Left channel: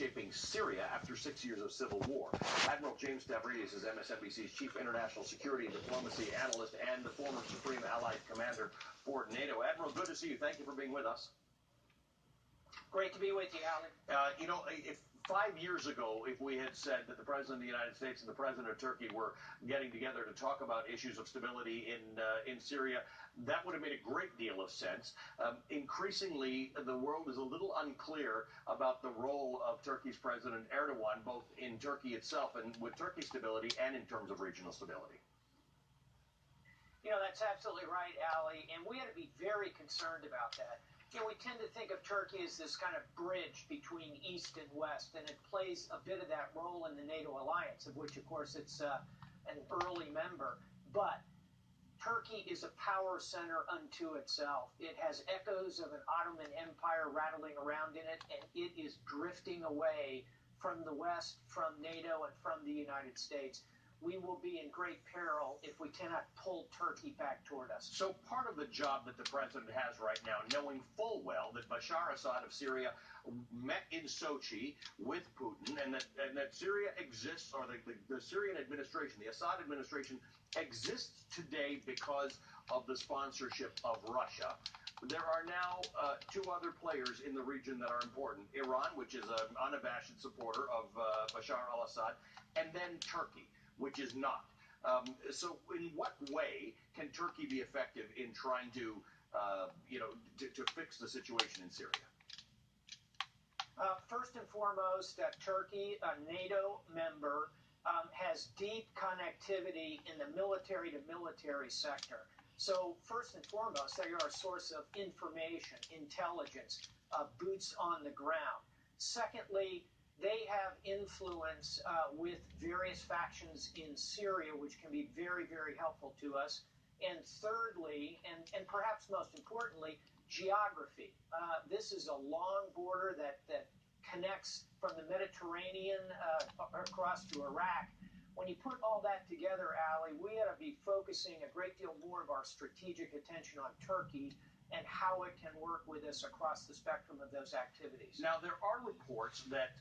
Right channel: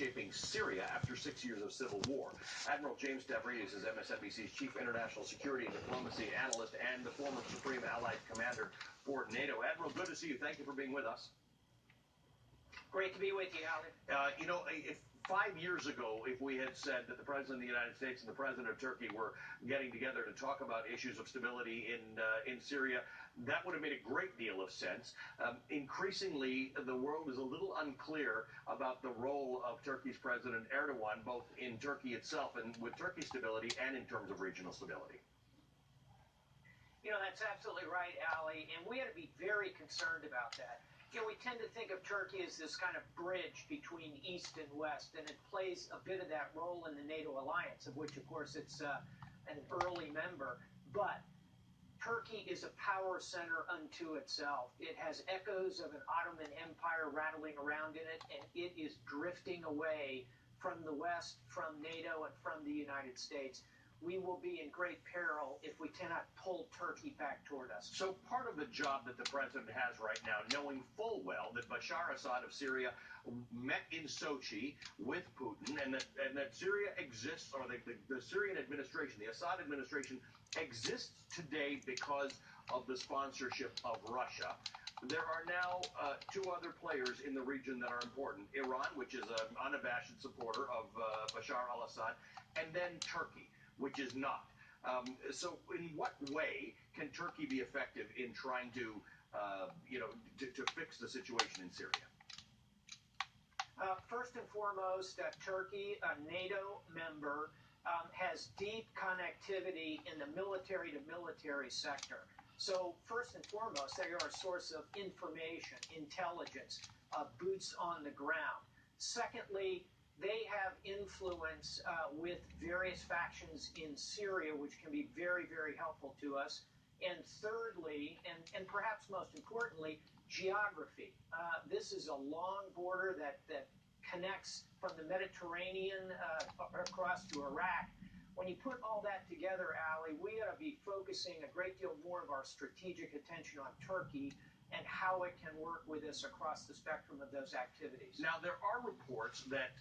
Shaping Syria after 6 years of civil war. Admiral James Dambreville is MSNBC's chief international security and diplomacy analyst and the former Supreme Allied Commander for NATO. Admiral, good to see you. Thank you for being with us. Great to be with you, Alan. If 5 years ago, if we had said that the President of the United States and the President of Turkey were getting together to talk about issues of stability in Syria, that would have made a great deal of sense. Increasingly, the world is a little unclear about the role of Turkey's President Erdogan, both in Turkey itself and with Turkey's stability and in terms of regional stability. You know, that's absolutely right, Ali, and we ought to be very concerned about that. You know, we tend to think of Turkey as this kind of bridge between East and West, and it plays a bit of that role in the NATO alliance, of which, of course, it's an early member. But Turkey is a power center unto itself. It has echoes of an Ottoman Empire rattling around in it, and it is drifting away from the West, from NATO, and from the United States. We will be in great peril if we cannot pull Turkey back toward us. So part of the job that the president has right now, knowing full well that Bashar Assad of Syria met in Sochi with Putin and that Syria exists, or the Syrian administration, the Assad administration, exists today because of the sponsorship of Russia. There are now two other players in the region that are important. Iran, which is an unabashed supporter of Bashar al-Assad, and then Turkey, which is not. So in what way can Turkey be effective in trying to fix the situation in Syria? First and foremost, Turkey, a NATO member, has deep connectivity in the military-to-military sector. So first and foremost, they are a source of information, intelligence, boots on the ground. Secondly, they have influence with various factions in Syria, which can be very, very helpful to us. And thirdly, and perhaps most importantly, geography. This is a long border that connects from the Mediterranean across to Iraq. When you put all that together, Ali, we ought to be focusing a great deal more of our strategic attention on Turkey and how it can work with us across the spectrum of those activities. Now, there are reports that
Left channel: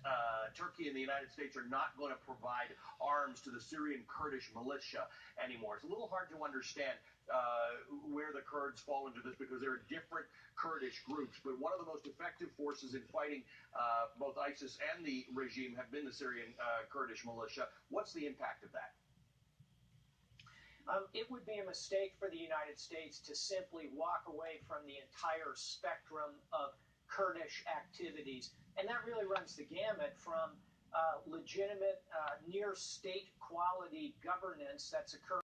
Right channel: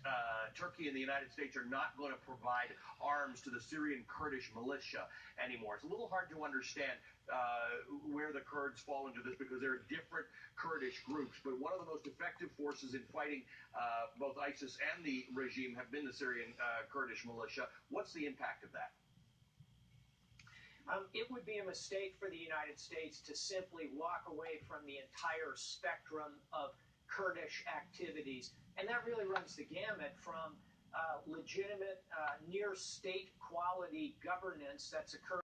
Turkey and the United States are not going to provide arms to the Syrian Kurdish militia anymore. It's a little hard to understand where the Kurds fall into this because there are different Kurdish groups, but one of the most effective forces in fighting both ISIS and the regime have been the Syrian Kurdish militia. What's the impact of that? It would be a mistake for the United States to simply walk away from the entire spectrum of Kurdish activities. And that really runs the gamut from legitimate, near state quality governance that's occurring